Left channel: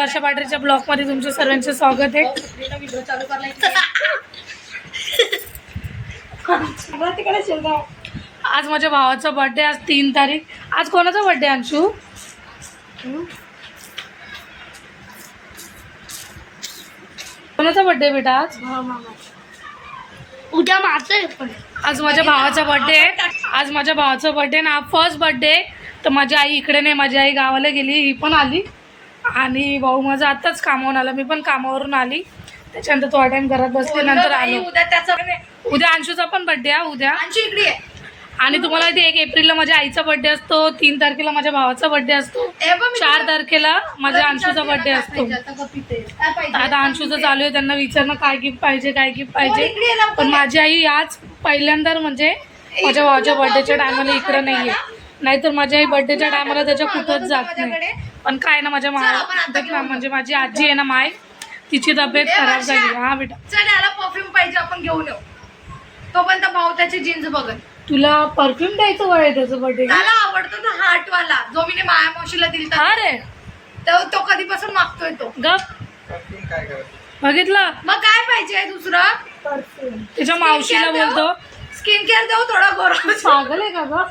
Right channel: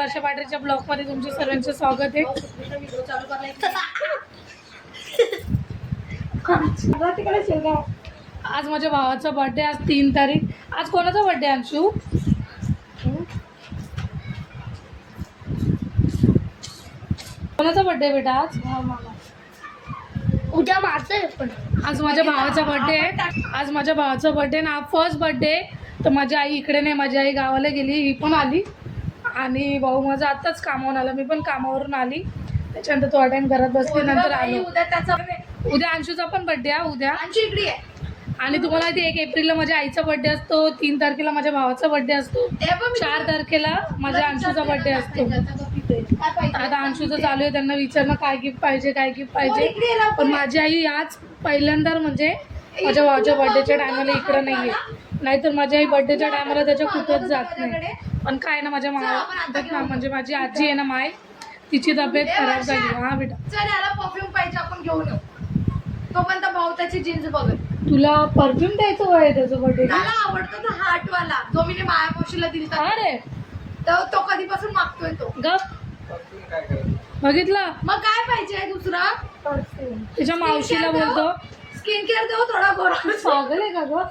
वर्षा पाटरीच्या blog मध्ये तुमचं सर्वांचं स्वागत आहे. आज माझ्या भावाचा बर्थडे, आज 3 तारीख. आज कोणाचा बर्थडे अंशू? कोणाचा बर्थडे बेटा? आज उद्या माझं आहे पण. आज माझ्या भावाचा बर्थडे आहे. आज माझ्या भावाचा बर्थडे ना, फर्स्ट बर्थडे. तर माझी आई इकडे नाही, माझी आई गावाला गेली, ही पण आली. आणि भाऊ माझा आत्ताच कामावरून आला, मी पण कामावरून आली. त्याच्यानंतर थोडा टाइम घरात बसले, नंतर आलो. उद्या अंशूचा पण बर्थडे आहे. उद्या अंशू इकडे आहे. आणि तुम्हाला माहिती 1 एप्रिलला माझ्या आईचा बर्थडे असतो, 3 तारखेला माझ्या भावाचा बर्थडे असतो, 4 तारखेला माझ्या अंशूचा बर्थडे असतो. आता अंशूचं चालू आहे, त्यांना विचारणं काय गिफ्ट पाहिजे, काय गिफ्ट पाहिजे. पण माझी आई आज पहिल्यांदा म्हणजे माझ्या भावाच्या बर्थडेच्या टायमाला इकडं नाही आहे. नाहीतर माझी आई बर्थडेच्या टायमाला त्याच्या कुठंच जात नाही. पण काय ना, माझ्या म्हणजे माझी आजी आहे ना माय, तिची तब्येत खराब झाली. हा बेटा चल, याला परफ्यूम पाहिजे, आपण घेऊन येऊ. तो पण तर भाऊ त्याची जीन्स बघत. तुला परफ्यूम द्यायचं वय आहे त्याचं बर्थडे? त्याला आवडतो ना हार्ट वाला, जो मी माया मावशीला दिलता. अरे तो कधीपासून मागतोय तो. गप बघितलं. मग काय पाहिजे दुसरं? परफ्यूम. तिच्या मावशीला बोलतो स्किन केअर देऊ थोडा गोरा. पागल आहे का ग?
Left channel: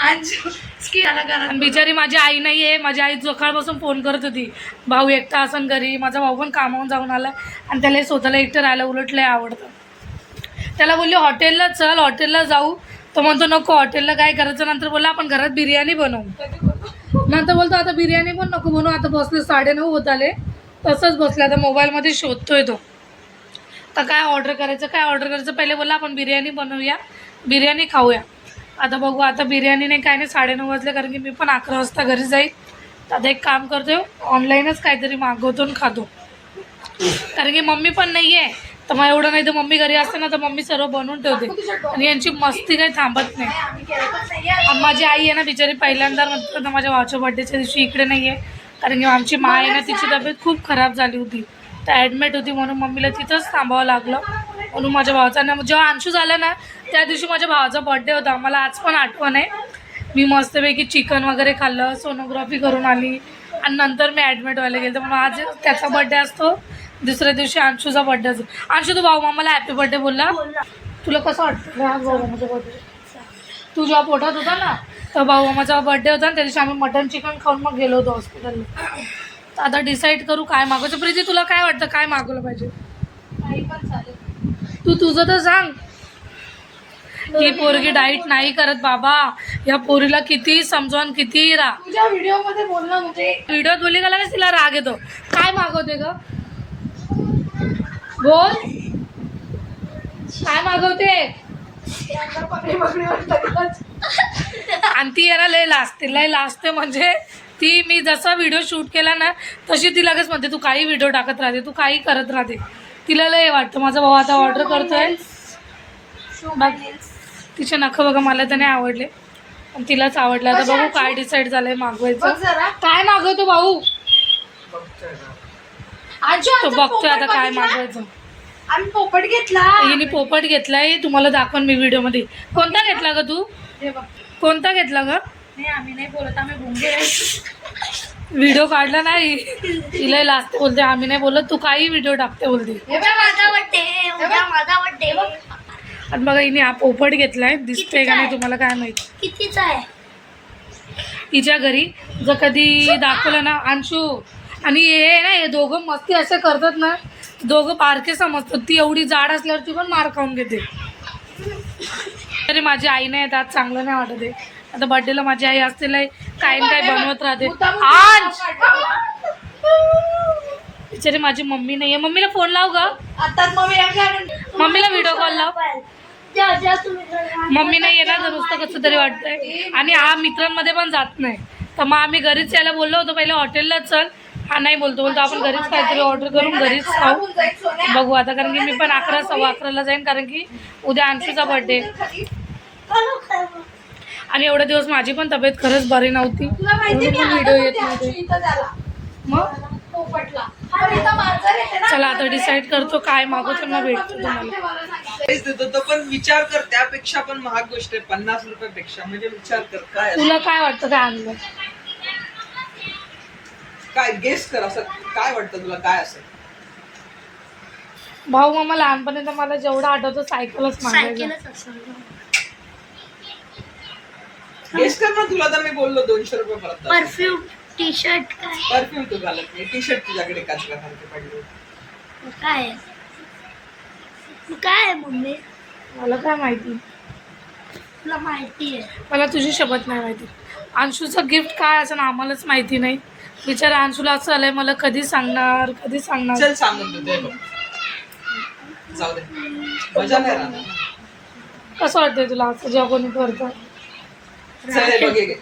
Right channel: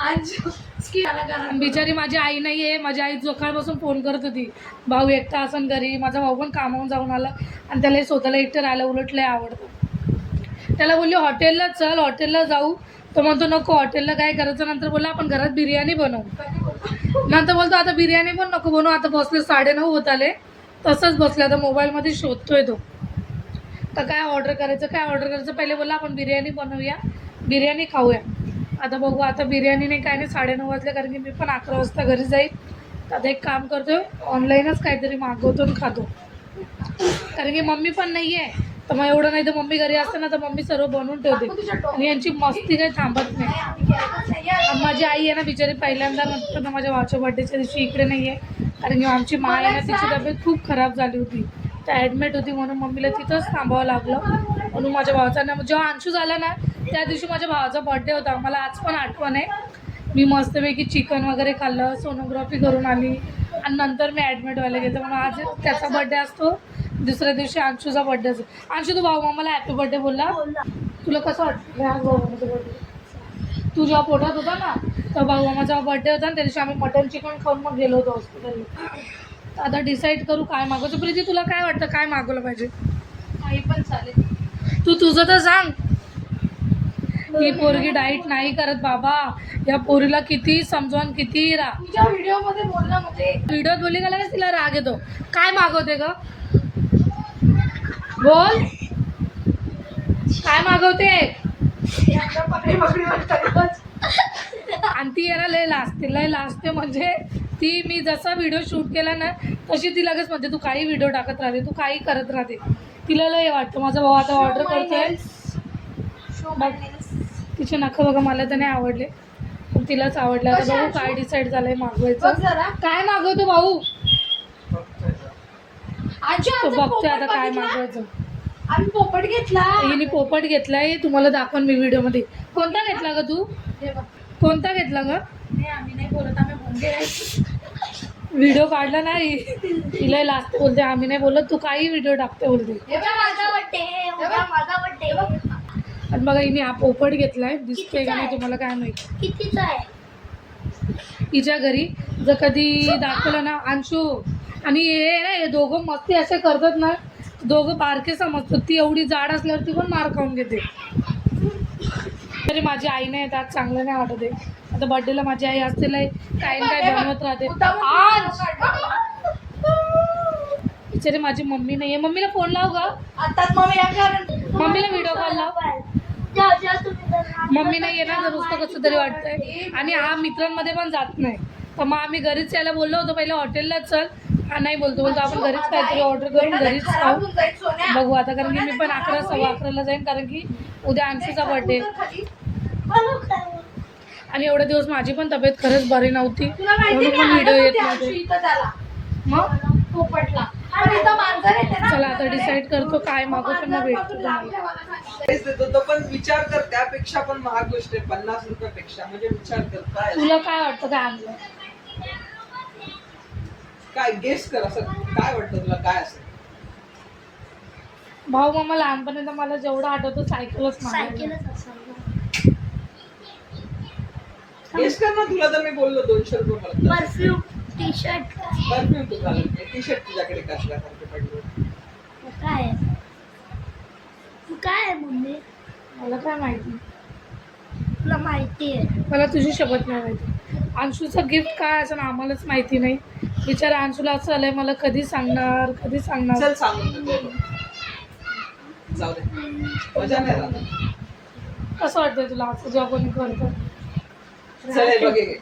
अंशू स्किन आला करा. आणि बिचारी माझी आई नाही आहे. माझी आई सकाळपासून फोन करत होती, भाऊ एकटा असन घरी. माझा भाऊ पण कामावून जाऊन आला आणि त्याला स्वतःला एकटं राहायला उलट लय आवडतं. त्याला बोलली हॉटेलला चल, हॉटेलला जाऊ. तो म्हणतो नको, हॉटेलला काय करायचं. नंतर बोलला आपण घरात बिर्याणी बनवू. नंतर बोलतो आता बिर्याणी पण नको बनवू. आता बसले 9:30 होत आले, तसंच बसले. आता मोबाईलमध्ये शोधतोय तो, तर काय ऑर्डर करायचं, काय ऑर्डर करायचं. पहिले बोलला आपण बिर्याणी बनवूया, बिर्याणी खाऊया. आता बघू, आता बिर्याणी नाही काय नाही, 9:30 वाजले. कारण की मी पण 11 वाजता घरी जाईल. तर आता एक काम करतोय, ऑनलाईनच काहीतरी मागवतो आणि खातो. कारण की मम्मी पण नाही आहे. तर मग एवढं नाही, तर मम्मी घरी असते ना तर मम्मी सर्व बनवून ठेवते आणि यांची मस्ती काही थांबत नाही. आणि माझी आई आहे ना बिचारी, पहिल्यांदा म्हणतात ना माझ्या भावाच्या बर्थडेच्या दिवशी इकडे नाही आहे. कारण की आमची मा आहे ना, तिची तब्येत खूप खराब झाली होती, तर ॲडमिट होती. म्हणून मम्मीला तिथंच थांबावं लागलं. म्हणून माझ्या भावाचा ना, जेव्हा अंशू झाला ना त्या दिवशी माझ्या भावाचा बर्थडे होता. मला आज पण आठवण आहे. मी मस्तपैकी चिकन वगैरे खाल्लं, सोनोग्राफी करून आली आणि नंतर मी ॲडमिट व्हायला गेलं. म्हणून आज त्याचा बर्थडे असतो, दुसऱ्या दिवशी अंशूचा बर्थडे असतो. अंशू, तू भाऊ मामाला हॅपी बर्थडे बोलला. तुला कसं वाटतं आज भाऊ मामाचा बर्थडे? तू जेव्हा पोटात होता ना, तर भाऊ मामाचा बर्थडे होता आणि त्या दिवशी आम्ही मटन चिकन खाऊन मग गेलो होतो हॉस्पिटलला. तर आता डिसाईड करू काय मागवायचं. प्रीती, तुला काय वाटतं काय मागवलं पाहिजे? काही पण चालेल. तू तुझं तर सांग. ही पोरगी डाईट नाही करत बाबा, या पोरीला किती समजावून किती तुझ्या व्हिडिओ मध्ये बोलणं म्हणजे व्हिडिओत बोलली का लगेच तिला राग येतो. काय मागवते ग? बोल, काय मागवते? आणि ती याला लय लाजते म्हणजे ती, मी जसा व्हिडिओ शूट केला ना तशी ती लगेच म्हणते तू काही व्हिडिओ टाकत राहते, तू काही करत राहते. तिला लय वाटतं. माझा भाऊ आता ऑर्डर करतोय बघ. तिचे नखं बघा, मला तर नाही आवडले पण तिलाच आवडले. आता बघू काय डिसाईड झालंय मागवायचं. काय मागवतो भाऊ? तो बघतोय आता काय मागवायचं. आम्ही पोपट घेतला. हिने पोपट घेतलाय, तुम्हाला दाखवून मी व्हिडिओ मध्ये. कोणता घेतला ग तू? कोणता घेतला ग? नाही, आम्ही नाही बोलत, आम्ही भोंगे. व्हिडिओ काढला नाही, तिला लास्ट बोलते आम्ही नाही बोलत, तू काही व्हिडिओ टाकते बोलते. आणि बघा हिने हा पोपट घेतलाय, दिसतोय का नाही तुम्हाला काय माहिती कितीचा आहे. हिच्या घरी जर कधी दाखवलं ना अंशू आणि हे ना, हे दोघं मस्ती असे करतात ना, दोघं बारके समजतात. ती एवढी जाड असल्यावर ती पण मार खाऊन घेते. तरी माझी आई नाही येत आज, चांगलं नाही वाटत आहे. आता बर्थडेला माझी आई असते काय काय बनवत राहते. आज बिचारी माझी मम्मी नाही आहे. मम्मीला फोन लाव ग. मम्मीला व्हिडिओ कॉल लाव. मम्मी नाही आहे ना, तर नुसतं कसं तरी वाटतंय. आणि हा मित्रांमध्ये पण जात नाही. तर मग आम्ही घरीच यायला बोललो होतो, पहिले हॉटेलला चल. हा नाही बोलतो आपण घरीच काहीतरी ऑर्डर करून घरीच खाऊ. बघू आता, कारण की मी पण 11, 11:15 जाईन. कारण की उद्या अंशूचा बर्थडे आणि एवढे दिवस माझी पण तब्येत खरंच बरी नव्हती, म्हणून पण व्हिडिओ येत नव्हते. मग चला आता डिसाईड करतो काय मागवतो, मग भेटतो तुम्हाला. पण विचार कर, त्यापेक्षा पण महाग गोष्ट आहे 50 रुपयापेक्षा. म्हणजे विचार कर काय तुला काय वाटतं काय आणलं? काय गेस कर, असं काय वाटतं तुला, काय असेल? भाऊ मामा लहानपणी तर मला जेवढं आठवतं सायकलच मागायला. सायकलच असेल. गेस कर ना, तुला तर मी बोललो 200 रुपये परत. परफ्यूम, टी शर्ट काय परफ्यूम तू घालत नाही, टी शर्ट तुझ्याकडे काचऱ्यासारखे पडले. काय आहे? मग काय आहे मम्मी? मला काय माहिती, तुला माहिती आहे? मला तुझी शपथ नाही माहिती. अंशूचं गिफ्ट काय असं आम्हालाच माहिती नाही. बिचारा अंशूला असं आलंय, मला कधी सांगणार कधी सांगणार. चल सांगून तू दे बघ. जाऊ दे, मजा नाही राहणार. कसं वाटतंय तुला असं जेव्हा कोणी करतं? चल हे बघ, हे घे.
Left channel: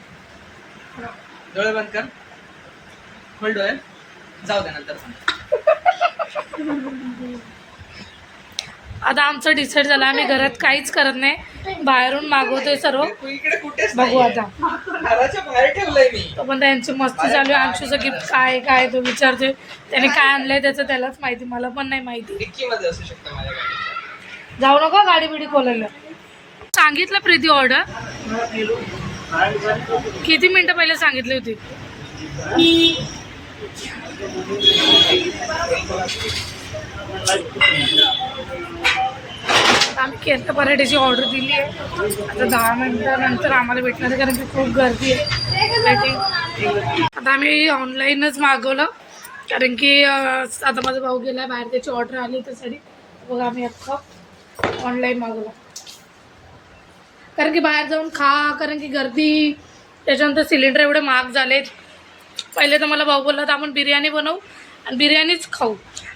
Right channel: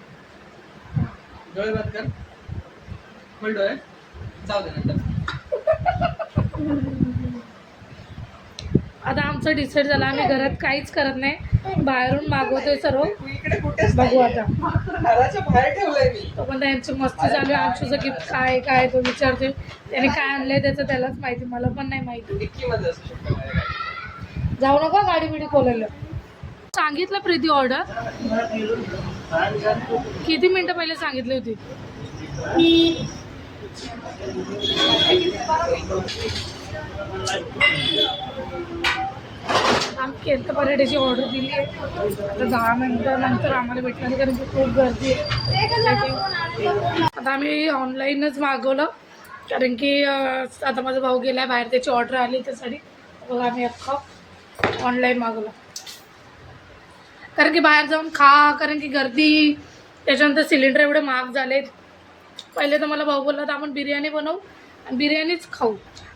डोळे बंद कर, खोल डोळे, जाऊ दे नंतर. आता आमचं डिसाईड झालं, आम्ही घरात काहीच करत नाही, बाहेरून मागवतोय सर्व. तू इकडे कुठेच बघू नाहीये. आता. घराच्या बाहेर ठेवलंय मी. तो पण त्यांची मस्ती चालू आहे. अंशूचं गिफ्ट काय काय तो विचारतोय. त्याने काय आणलंय त्याचं त्यालाच माहिती, मला पण नाही माहिती. डिक्की मध्ये असू शकतं माझ्या गाडीच्या. जाऊ नका गाडी बिडी खोलायला. सांगितलं प्रीती ऑर्डर किती मिनिटं पहिले सांगितली होती. आम्ही केरला पराठ्याची ऑर्डर दिली आहे. आता 10 मिनिटानंतर आम्हाला भेटणार आहे, कारण की खूप गर्दी आहे. आता आम्ही ऑनलाईनच मागवलं, कारण की आता माझा भाऊ गेला बाहेर, त्याची ऑर्डर आली त्यासाठी. बघा आम्ही अख्खं ऑनलाईन मागवलं, कारण की बाहेर जाऊन कारण की गर्दी, त्याच्यानंतर सिलेंडर एवढे महाग झालेत. पहिले तर मला भाऊ बोलला तर आपण बिर्याणी बनवू आणि बिर्याणीच खाऊ,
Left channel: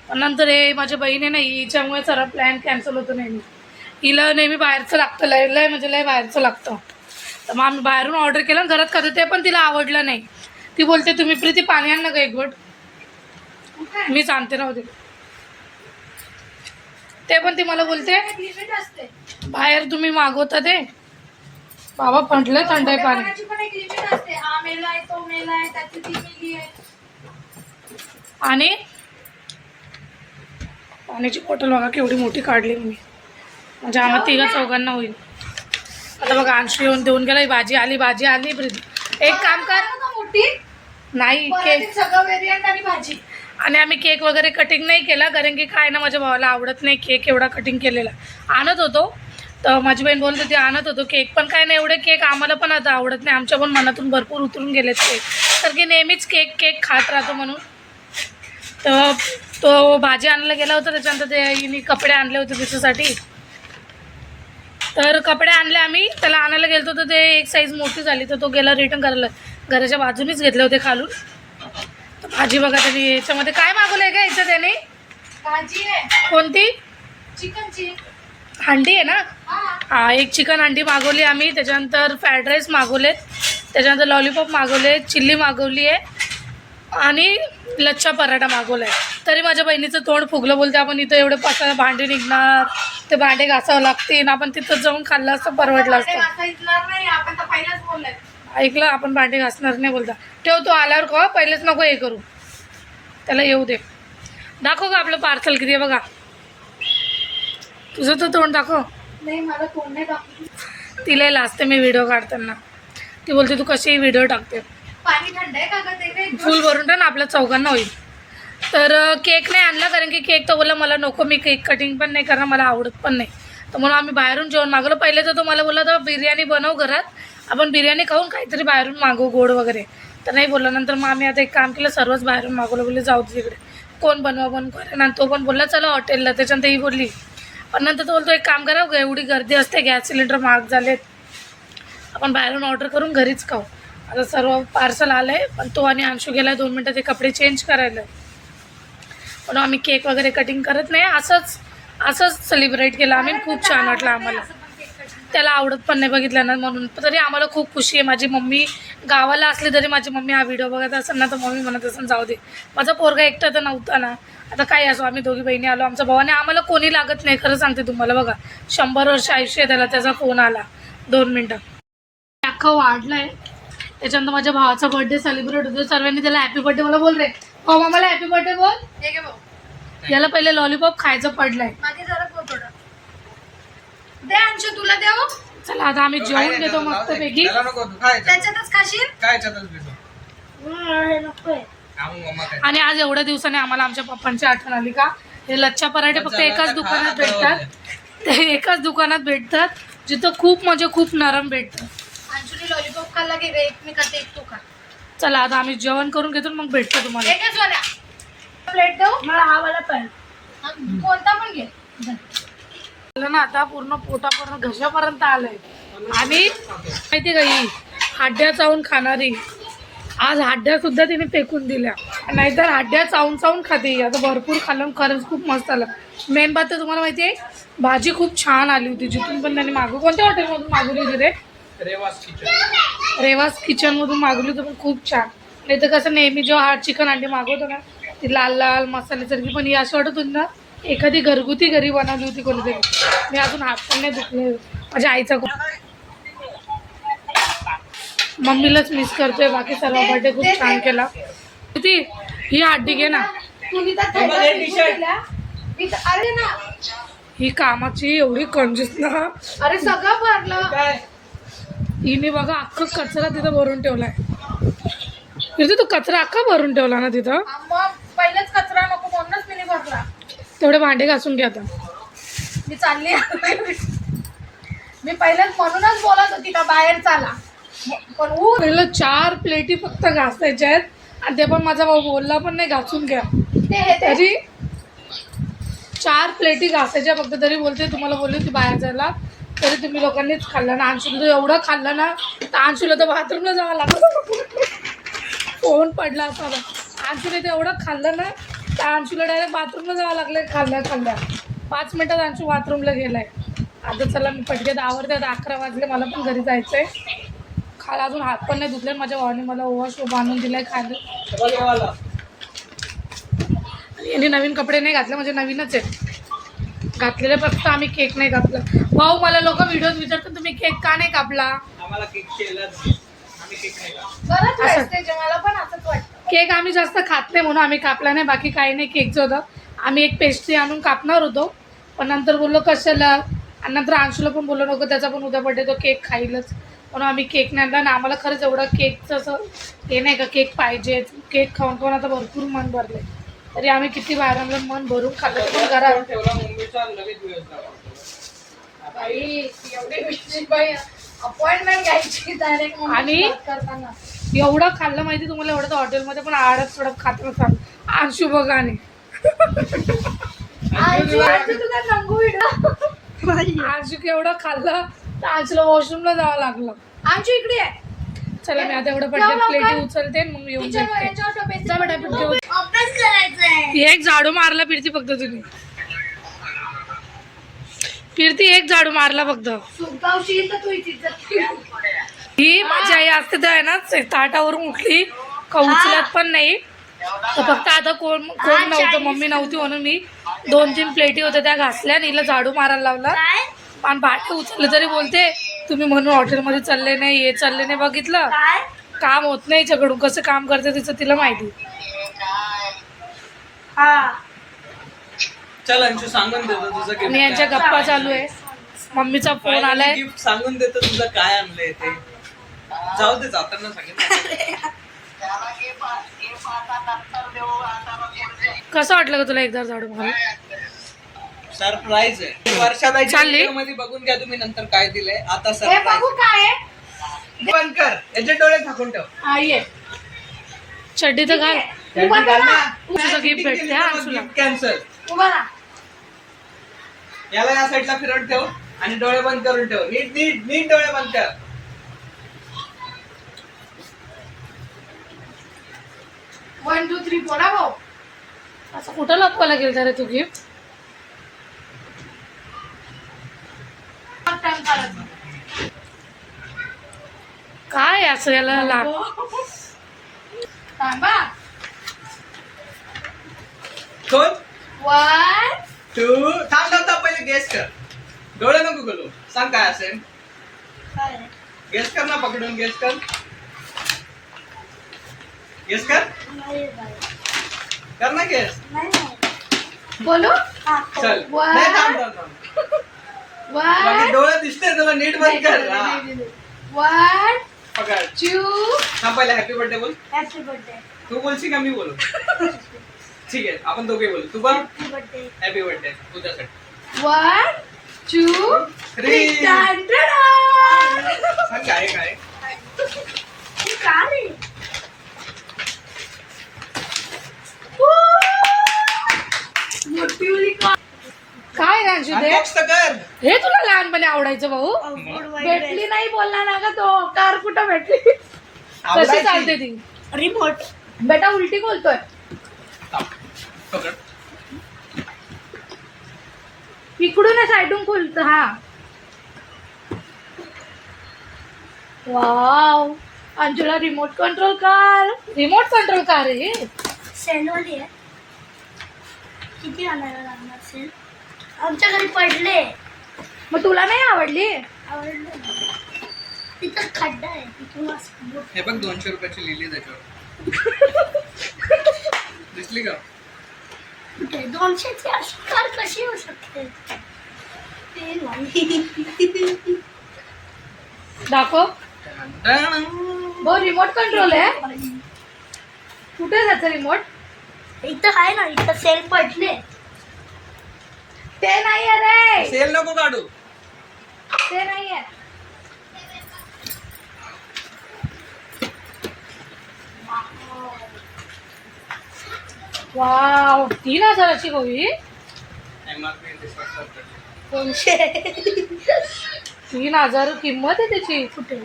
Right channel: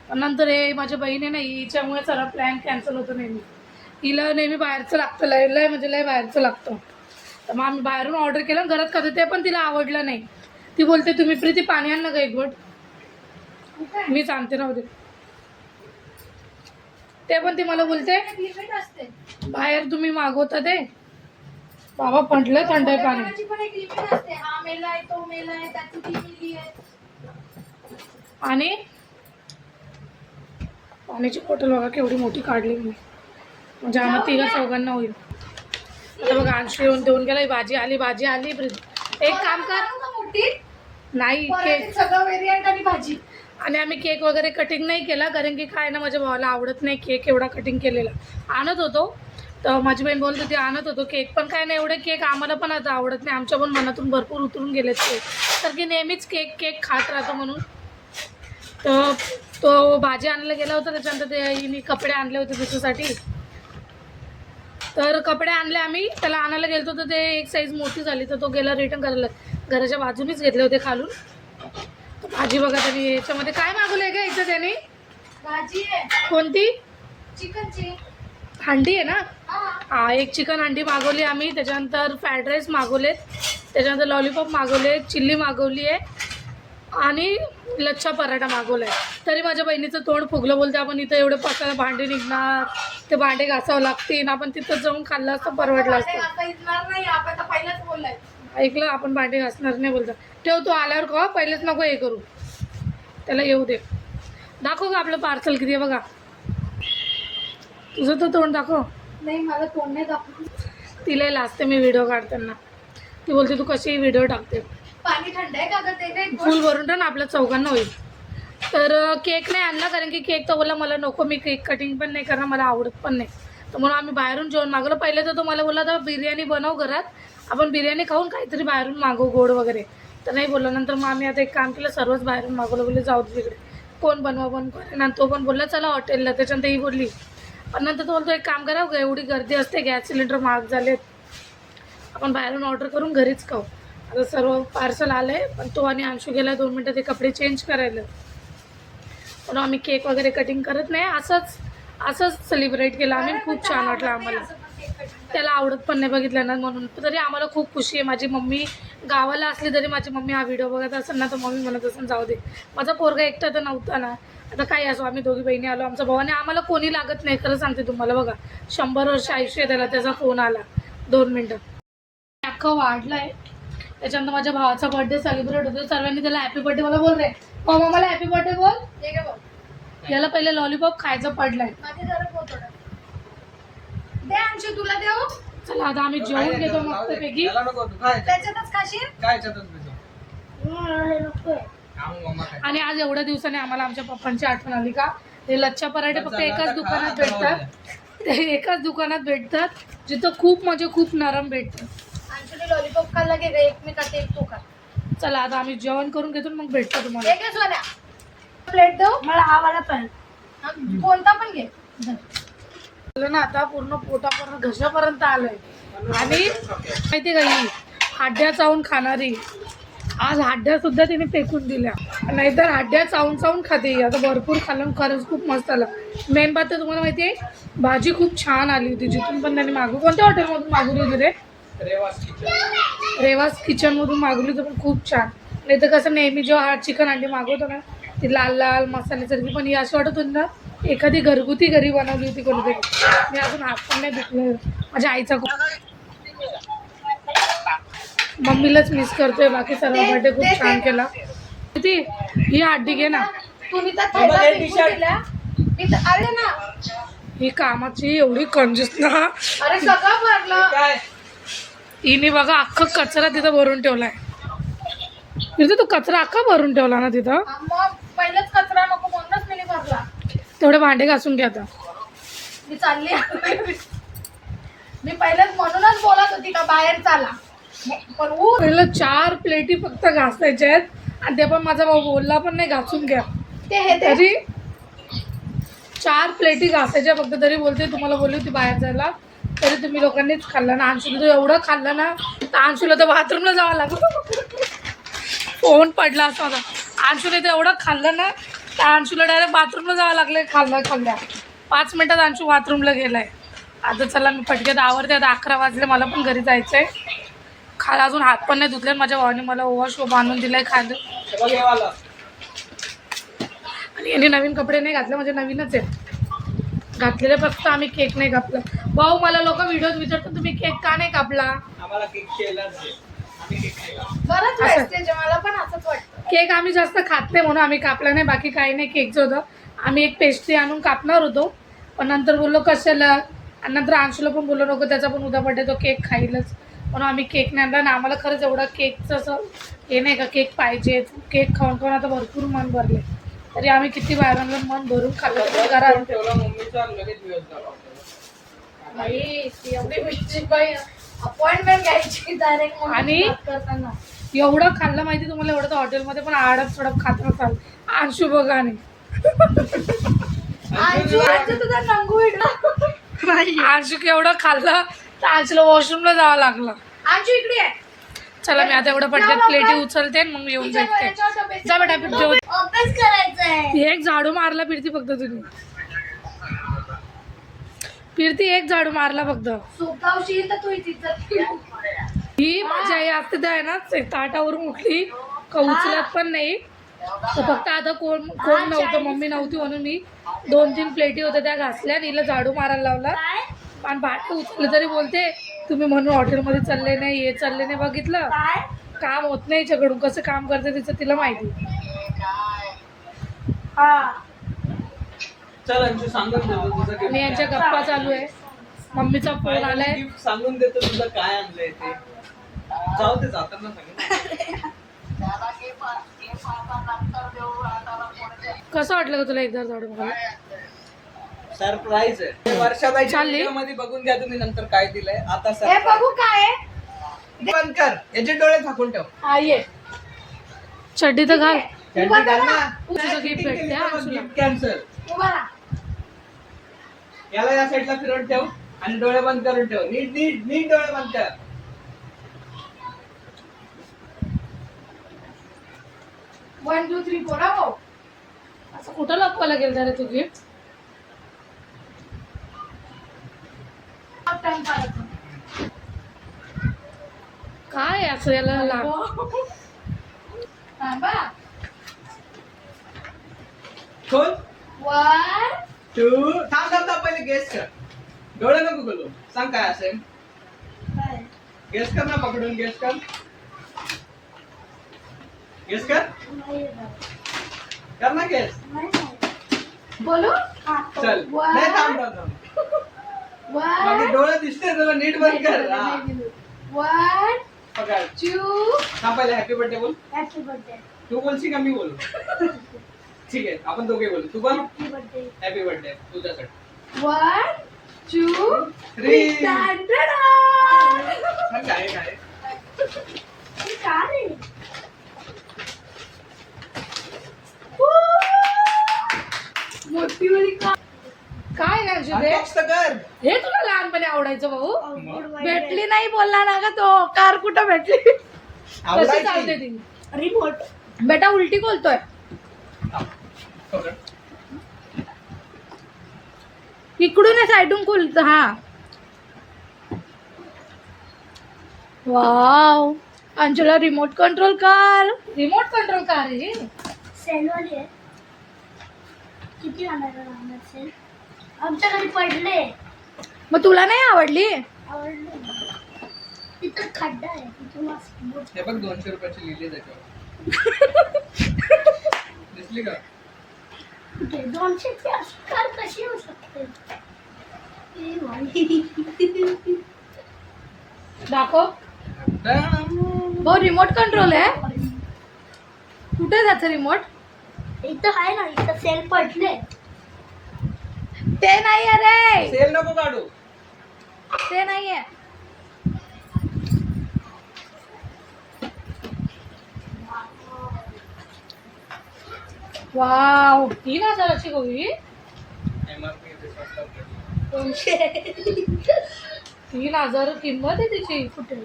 पण नंतर हे माझ्या बहिणी नाही, हिच्यामुळे सगळा प्लॅन कॅन्सल होतो. नेहमी हिला नेहमी बाहेरचं लागतं, लय म्हणजे लय बाहेरचं लागतं. तर मग आम्ही बाहेरून ऑर्डर केलं आणि घरात खातो, ते पण तिला आवडलं नाही. ती बोलते तुम्ही प्रीती पाणी आण ना ग एक घोट. मीच आणते नव्हते, ते पण ती मला बोलते लिमिट असते. बाहेर तुम्ही मागवता ते. बाबा म्हटलं थंड आहे पाणी. पाण्याची पण एक लिमिट असते. हा मेलाय, तो मेलाय, त्याची ती मिली आहे. आणि पाण्याची बॉटल बघा केवढी मोठी काढली मी, म्हणजे आम्हाला तिघा चौघांना होईल. आता बघा अंशू येऊन देऊन गेला. भाजी आली प्रीती. एक काम कर, मोठी नाही केक, पराठीत सगळं व्हेरियंट आणि भाजी. आणि आम्ही केक वगैरे कटिंग नाही केला, कारण की काय ना माझ्या भावाला आवडत नाही केक एवढा कटिंग केलेला. आणत होतो तर माझी बहीण बोलत होती आणत होतो केक, पण काय नाही एवढे केक आम्हाला पण आता आवडत नाही. आमच्या पण मनातून भरपूर उतरून गेलेत केक, कारण की नेहमीच केक खात राहतो म्हणून. तर तो भाजी आणायला गेला होता, त्याच्यानंतर ते कपडे आणले होते त्याच्यासाठी. तर कपडे आणले आम्ही, त्याला आणायला गेलो तर ते एक साईज मोठी झाली, तर तो गेला रिटर्न करायला. घराच्या बाजूनीच घेतले होते खालून. तर भाजी बघा त्याने याच्यामध्ये काय मागवलं आहे का याचं त्याने? भाजी आहे कोणती? चिकनची. हंडी आहे ना? हा. हा, एक चिकन हंडी मागवली आम्ही. त्याच्यानंतर फ्राईड राईस मागवलेत, त्याच्यानंतर लॉलीपॉप मागवले, चिल्ली मागवली आहे आणि लच्छा पराठा मागवला आहे. तरी माझ्या बहिणीचं तोंड फुगलं, बोलते आपण इथं एवढे 5 भांडे निघणार, ते भांडे घासावं लागतील, आपण तिथं जाऊन खाल्लं असतं परवडलं भांडे असतं. घासता येणार नाही, आपण तर पहिलेच बोललोय. ऐकलं, आपण भांडे घासणार नाही बोलता. ठेव तू आल्यावर का पहिलेच नको हे करू, त्याला येऊ दे. दाखव का आपलं पार्सल किती आहे बघा. तुझं तर तोंड दाखव. नाही मला तोंड नाही दाखवू. तिला लाजते मी व्हिडिओ काढताना. ती बोलते तू कशी व्हिडिओ टाकते. पाणी थंड आहे का ग ते काही? फुल भरून टाक ना, आपल्या चौघांना होईल. तर केक नाही आणला, कारण की केक तर बोलला मला नको, मी केक कटिंग पण नाही करणार, मला आवडत पण नाही. तर म्हणून आम्ही बाहेरून जेवण मागवलं. पहिले तर तो मला बोलला तर बिर्याणी बनव घरात, आपण बिर्याणी खाऊन काहीतरी बाहेरून मागवू गोड वगैरे. तर नाही बोलला. नंतर मग आम्ही आता एक काम केलं, सर्वच बाहेरून मागवलं. बोलले जाऊ दे तिकडे, कोण बनवा बन करेन. आणि तो पण बोलला चला हॉटेलला. त्याच्यानंतर ही बोलली, पण नंतर तो बोलतो एक काम करा, एवढी गर्दी असते, गॅस सिलेंडर महाग झालेत, आपण बाहेरून ऑर्डर करून घरीच खाऊ. आता सर्व पार्सल आलं आहे, पण तो आणि अंशू गेला 2 मिनटं ते कपडे चेंज करायला. पण आम्ही केक वगैरे कटिंग करत नाही, असंच सेलिब्रेट केलं आम्ही. खूप छान वाटलं आम्हाला. त्याला आवडत पण नाही बघितलं ना, म्हणून तरी आम्हाला खूप खुशी आहे. माझी मम्मी गावाला असली तरी माझी मम्मी हा व्हिडिओ बघत असेल ना, तर मम्मी म्हणत असेल जाऊ दे, माझा पोरगा एकटा तर नव्हता ना. आता काय असो, आम्ही दोघी बहिणी आलो, आमचा भावाने आम्हाला कोणी लागत नाही. खरं सांगते तुम्हाला, बघा 100 वर्ष आयुष्य आहे त्याला, त्याचा फोन आला 2 मिनटं. अख्खं वाढलं आहे. त्याच्यानंतर माझ्या भावाचा बर्थडे सेलिब्रेट होतो, सर्वांनी त्याला हॅपी बर्थडे मला बोल रे, हो मला हॅपी बर्थडे बोल. हे घे बघ. याला पहिले लॉलीपॉप खायचं पडलंय. माझी जरा थोडं दे अंशू, तुला देऊ. चला आता आम्ही जेवून घेतो मस्त पैकी. त्याला नको, तू काय त्याच्यातच खाशील. काय याच्यातच पितो. हे नकोय. मम्मा काय आणि आज एवढ्या दिवसाने आम्हाला आमच्या पप्पांची आठवण आली का हे लच्छा पराठे फक्त एकाच दुकानात भेटतात. ते एकाच दुकानात भेटतात जिथं खूप म्हणजे खूप नरम भेटतात. अंशुने लॉलीपॉप खाल्ला की एक मी खाते एक तू खा. चला आता आम्ही जेवण करून घेतो मग भेटतो तुम्हाला. एक सोन्या प्लेट देऊ मला हा वाला पण. कोणता पण घे. झालं ना आता पूर्ण पोटापर्यंत घशापर्यंत आलंय. आणि माहिती का ही हाड्या चावून खाणारी आज हाड्या सुद्धा तिने फेकून दिल्या. नाहीतर हाड्या चावून चावून खाते. आता भरपूर खाल्लं खरंच खूप मस्त आलं. मेन बात तर तुम्हाला माहिती आहे भाजी खूप छान आली होती. जिथून पण त्यांनी कोणत्या हॉटेलमधून मागवली होती रे? रेवास किचनमधून मागवली होती पण खूप छान. नाही तर कसं नेहमी जेव्हा चिकन अंडी मागवतो ना ती लाल लाल मसाल्यासारखी पण ही अशी वाटत होती ना एखादी घरगुती घरी बनवली होती कोणीतरी. मी अजून हात पण नाही धुतले. माझ्या आईचा खूप मम्मीलाच मिस करतोय. बाकी सर्व बर्थडे खूप छान केला. किती ही हड्डी घे ना. तुम्ही तर थैला फेकून दिला. अरे ना ही कामाची एवढी कंजूस ना. अरे सगळं भरलं. हिने बघा अख्खा कचरा तिथं भरून ठेवलाय. तिथे तू कचरा अख्खा भरून ठेवला ना तिथं. मग पहिलेच कचरा नको म्हणूनच मी भरला. तेवढे भांडे घासून घे आता. मी चालली मी पहिलेच म्हणूनच बोलत होती का बाहेर चाला पण पहिलं 4 प्लेटी फक्त घासायच्या आहेत आणि ते पण माझा भाऊ बोलला पण नाही घासून घ्या. तरी 4 प्लेटी घासायच्या फक्त. तरी बोलते तुम्हाला बोलली होती बाहेर जायला तरी तुम्ही लोकांनीच खाल्लं ना. अंशुला तर एवढं खाल्लं ना तर अंशुला तर बाथरूमला जावं लागलं. फोन पडला असा होता. अंशुने तर एवढं खाल्लं ना तर अंशुला डायरेक्ट बाथरूमला जावं लागलं. खाल्ल्या 5 मिनिटात अंशू बाथरूमला गेलाय. आता चला मी पटक्यात आवरते. आता 11 वाजले. मला पण घरी जायचं आहे. अजून हात पण नाही धुतले. माझ्या भावाने मला ओवा शो बांधून दिलाय खायला. आणि यांनी नवीन कपडे नाही घातले म्हणजे नवीनच आहेत घातलेले. फक्त आम्ही केक नाही कापला. भाऊ मला लोक व्हिडिओज विचारतात तुम्ही केक का नाही कापला. आम्हाला केक केलाच आम्ही केक नाही कापला. बरंच असं. wastage आहे. मला पण असंच वाटतं. केक आम्ही जास्त खात नाही म्हणून आम्ही कापला नाही. बाकी काही नाही. केकचं होतं आम्ही एक पेस्ट्री आणून कापणार होतो पण नंतर बोललो कशाला. आणि नंतर अंशूला पण बोललो नको त्याचा पण उद्या बड्डे तो केक खाईलच म्हणून आम्ही केक नाही आणला. आणि आम्हाला खरंच एवढं केकचं असं हे नाही का केक पाहिजे. केक खाऊन खाऊन आता भरपूर मन भरले. तरी आम्ही किती बाहेर आणलं मन भरून खाल्लं पण घरात. ठेवला मम्मीचा लगेच दिवस झाला. बाई एवढी विचित्र बाई अपॉइंटमेंट घ्यायची डायरेक्ट आणि करताना. एवढं खाल्लं माहिती तुम्हाला. एवढं तर हॉटेलमध्ये पण आडत थोडं खात नसाल. अंशू बघा आणि तुझा नंगू अंशू एवढं खाल्लं तर अंशूला वॉशरूमला जावं लागलं. अंशू इकडे आहे. चला मी आता एवढं पटकन प्लेटी उचलते आणि मग येऊन भेटते. जा बेटा पीठ जेवण. अभ्यास करायचा आहे. एक झाडू मारला फिरती फक्त तुम्ही. फिरती एक झाडू मारला फक्त. सुगावशी तर तू इज्जत ही माझी आई असते तर आहे ना ताटावरून उठली का उचलत पण नाही. तर फक्त आता कोण नव्हतं मम्मी नव्हती म्हणून मी 2-3 प्लेटी होत्या त्या घासल्या आणि हिला झाडू मारायला लावला. काय आणि भाटे उचलले तरी बोलते तुम्ही म्हणून हॉटेलमध्ये चालले नाही हे चालले नाही. बघितलं काय काम होत नाही हिच्याकडून. कसं काम करते तिचं तिला माहिती. हा चल अंशू सांगून देतो तुझं gift आणि यांच्या काय. गप्पा चालू आहे. मम्मीचा फोन आलाय. गिफ्ट सांगून देतो तुझं काय आणलंय ते. जाऊ दे जाताना सांगितलं. कसं वाटलं का तुला एकदा झाडू मारायला. सरप्राईज आहे. वर्षाला चालली? मध्ये बघून घ्या तुम्ही नंतर काय दिलंय. आता हे सरप्राईज बघू काय आहे. बंद कर. याचे डोळे झाकून ठेव. आई आहे चड्डी तर घाल. उभा राहा. तुझं गिफ्ट भेटते हा अंशूला. Gift cancel. उभा राहा. याला या साईडला फिरवून ठेव आणि डोळे बंद करून ठेव. नीट नीट नीट डोळे बंद कर. 1 2 3 4 भाऊ. असं कुठं लपवायला गेलं रे तू गिफ्ट. टाइम काढायचा. काय असं याला लाग. थांबा. दोन 1 2 थांब थांब थांब पहिले गेस कर. डोळे नको बोलू. सांग काय असेल. काय गेस कर ना पकडून गेस कर. गेस कर. नाही बाई. कर ना गेस. नाही बोलू. हा चल. वा. नाही थांब थांब थांब. बाकी 1 डोळे दिसते तुला नीट बंद कर. हा. 1 पकड. 2 हा पहिले हॅपी बर्थडे बोल. Happy birthday. तू बोलशील का मी बोलू? ठीक आहे आपण दोघे बोलू. तू पण हॅपी बर्थडे. हॅपी बर्थडे तुझ्यासाठी. 1 2 3 सांग काय काय का रे? मोठी उडी का काय राजू दे अनबॉक्स तर कर. हे तुला लहानपणी आवडायचं भाऊ Outfit white भेटली dress. नाही बोलला ना का तो कार कुठं भेटली कशी आवडायची. चालते ती रिमोट. बेटा उलटी बोलतोय थांब. पकड. इकडून साईडून खुलत हा wow Anjula remote control car आहे हे सेलवाली आहे. किती आणायला लागणार सेल? आमच्या घरी पडले. मग तुला नाही आवडली आवडलं ना. तिथं खड्डा आहे तिथून असं बोट. हे बघ 200 रुपयाची लिहिली त्याच्यावर. दिसली का? कुठे 200ची अशी कार कशी होऊ शकते? ते नाही. दाखव डण. भाऊ रिमोट कंट्रोल आहे कुठे जायचं रिमोट इथं आहे ना, इथं सेल पडले. ते नाहीये रे सेल नको काढू. ते नाहीये वाव 3000ची गोळी MRP स्वस्तात पडली. 200. 3000 किंमत आहे त्याची कुठे?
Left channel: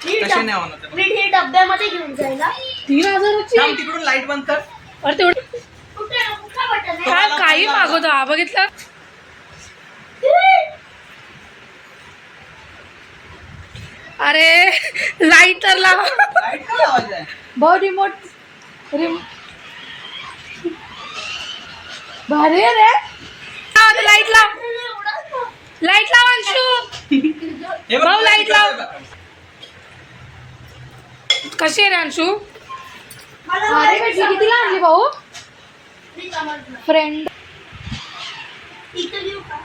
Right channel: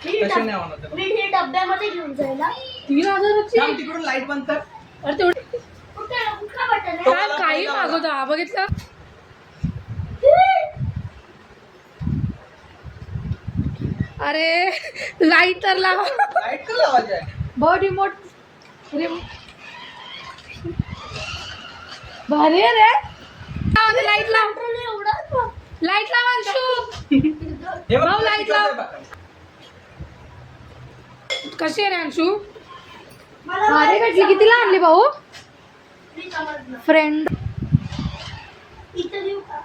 कशी नाही होणार ते? मी हे डब्यामध्ये घेऊन जायला. 3000ची थांब तिकडून लाईट बंद कर. अरे तेवढी कुठे कुठला बटन आहे? काय काही मागवतो हा बघितलं अरे लाईट तर लाव लाईट का लावायचं आहे? भाऊ रिमोट भारी आहे रे लाईट लाव एवढा लाईट लाव अंशू हे बघ, भाऊ, लाईट लाव. बघ. कशी आहे रे अंशू मला अरे भेटली कितीला आणली भाऊ प्लीज आवडलं. फ्रेंड इथं घेऊ का?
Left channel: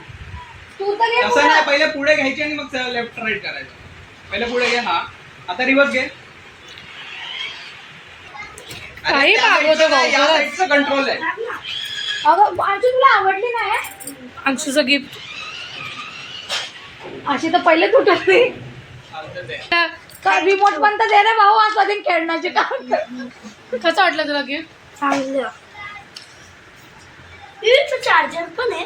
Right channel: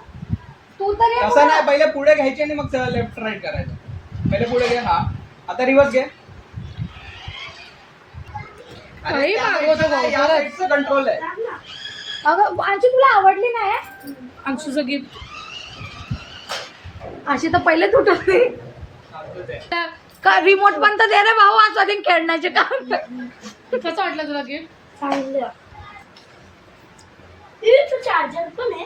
तू तर घे तसं नाही, पहिले पुढे घ्यायची आणि मग लेफ्ट राईट करायचं. पहिले पुढे घे. हा आता रिवर्स घे. काही मागवतो भाऊ, खरंच. कंट्रोल आहे. सांग ना. अगं अंशू तुला आवडली नाही अंशूचं गिफ्ट अशी तर पहिले तुटत नाही चालतं ते. का रिमोट पण तर दे रे भाऊ आज कधी खेळण्याचे काम कसं वाटलं तुला गिफ्ट चांगलं. इथं चार्जर पण आहे.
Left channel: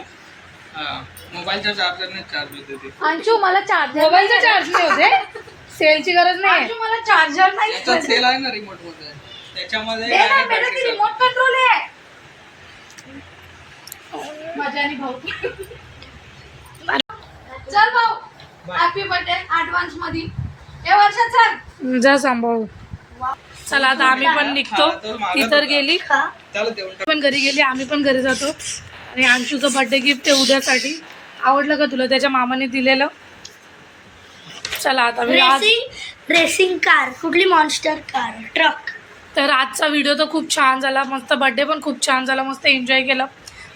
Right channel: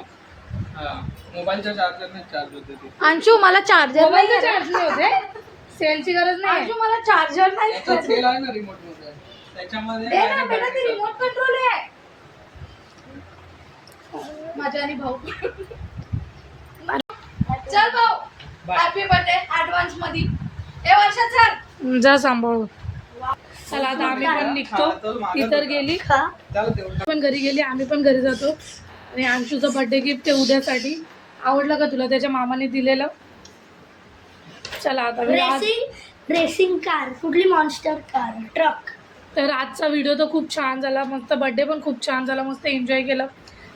हा, मोबाईलच्या चार्जरने चार्ज होते ते. अंशू मला चार्जर मोबाईलचे चार्ज नाही होते सेलची गरज नाही अंशू मला चार्जर त्याच्यात नाही सेल आहे ना रिमोट मध्ये. त्याच्यामध्ये दे ना direct बेटा battery ती चालते. रिमोट कंट्रोल आहे माझ्या आणि भाऊ चल भाऊ Bye. हॅपी बर्थडे ऍडव्हान्स मध्ये ए वर्षा चल जा सांभाळू चला आता आम्ही पण निघतो हा, तर मागं ती तर होता. गेली का? त्याला देऊन टाक. पण घरी गेली आम्ही पण घरी जातो आणि अंशूचं बर्थडे गिफ्ट आहे उद्यासाठी आवडलं का तुला त्याच्या मामाने दिलेलं चला आता मी आज रेसिंग कार. कुठली? Monster car. ट्रक. तर आजचा व्हिडिओ तर खूप छान झाला मस्त बर्थडे पण खूप छान झाला मस्त एन्जॉय केलं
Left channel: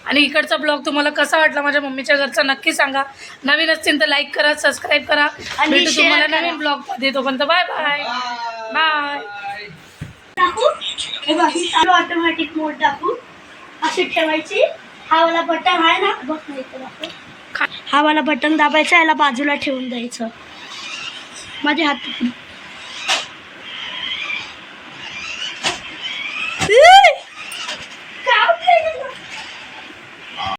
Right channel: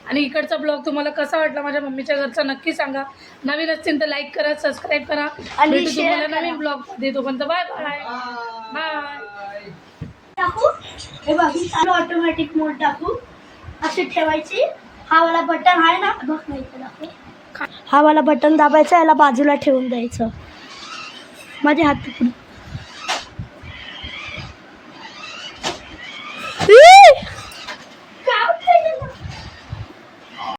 आणि इकडचा ब्लॉग तुम्हाला कसा वाटला माझ्या मम्मीच्या घरचा नक्की सांगा नवीन असतील तर लाईक करा सबस्क्राईब करा आणि भेटू share तुम्हाला करा. नवीन ब्लॉगमध्ये तोपर्यंत बाय बाय बाय Bye. टाकू. हे बघ ही चालू ऑटोमॅटिक मोड टाकू. अशी ठेवायची. हा वाला बटन आहे ना बघ नाही इथं दाखव. हा वाला बटन दाबायचा याला बाजूला ठेवून द्यायचं. माझ्या हात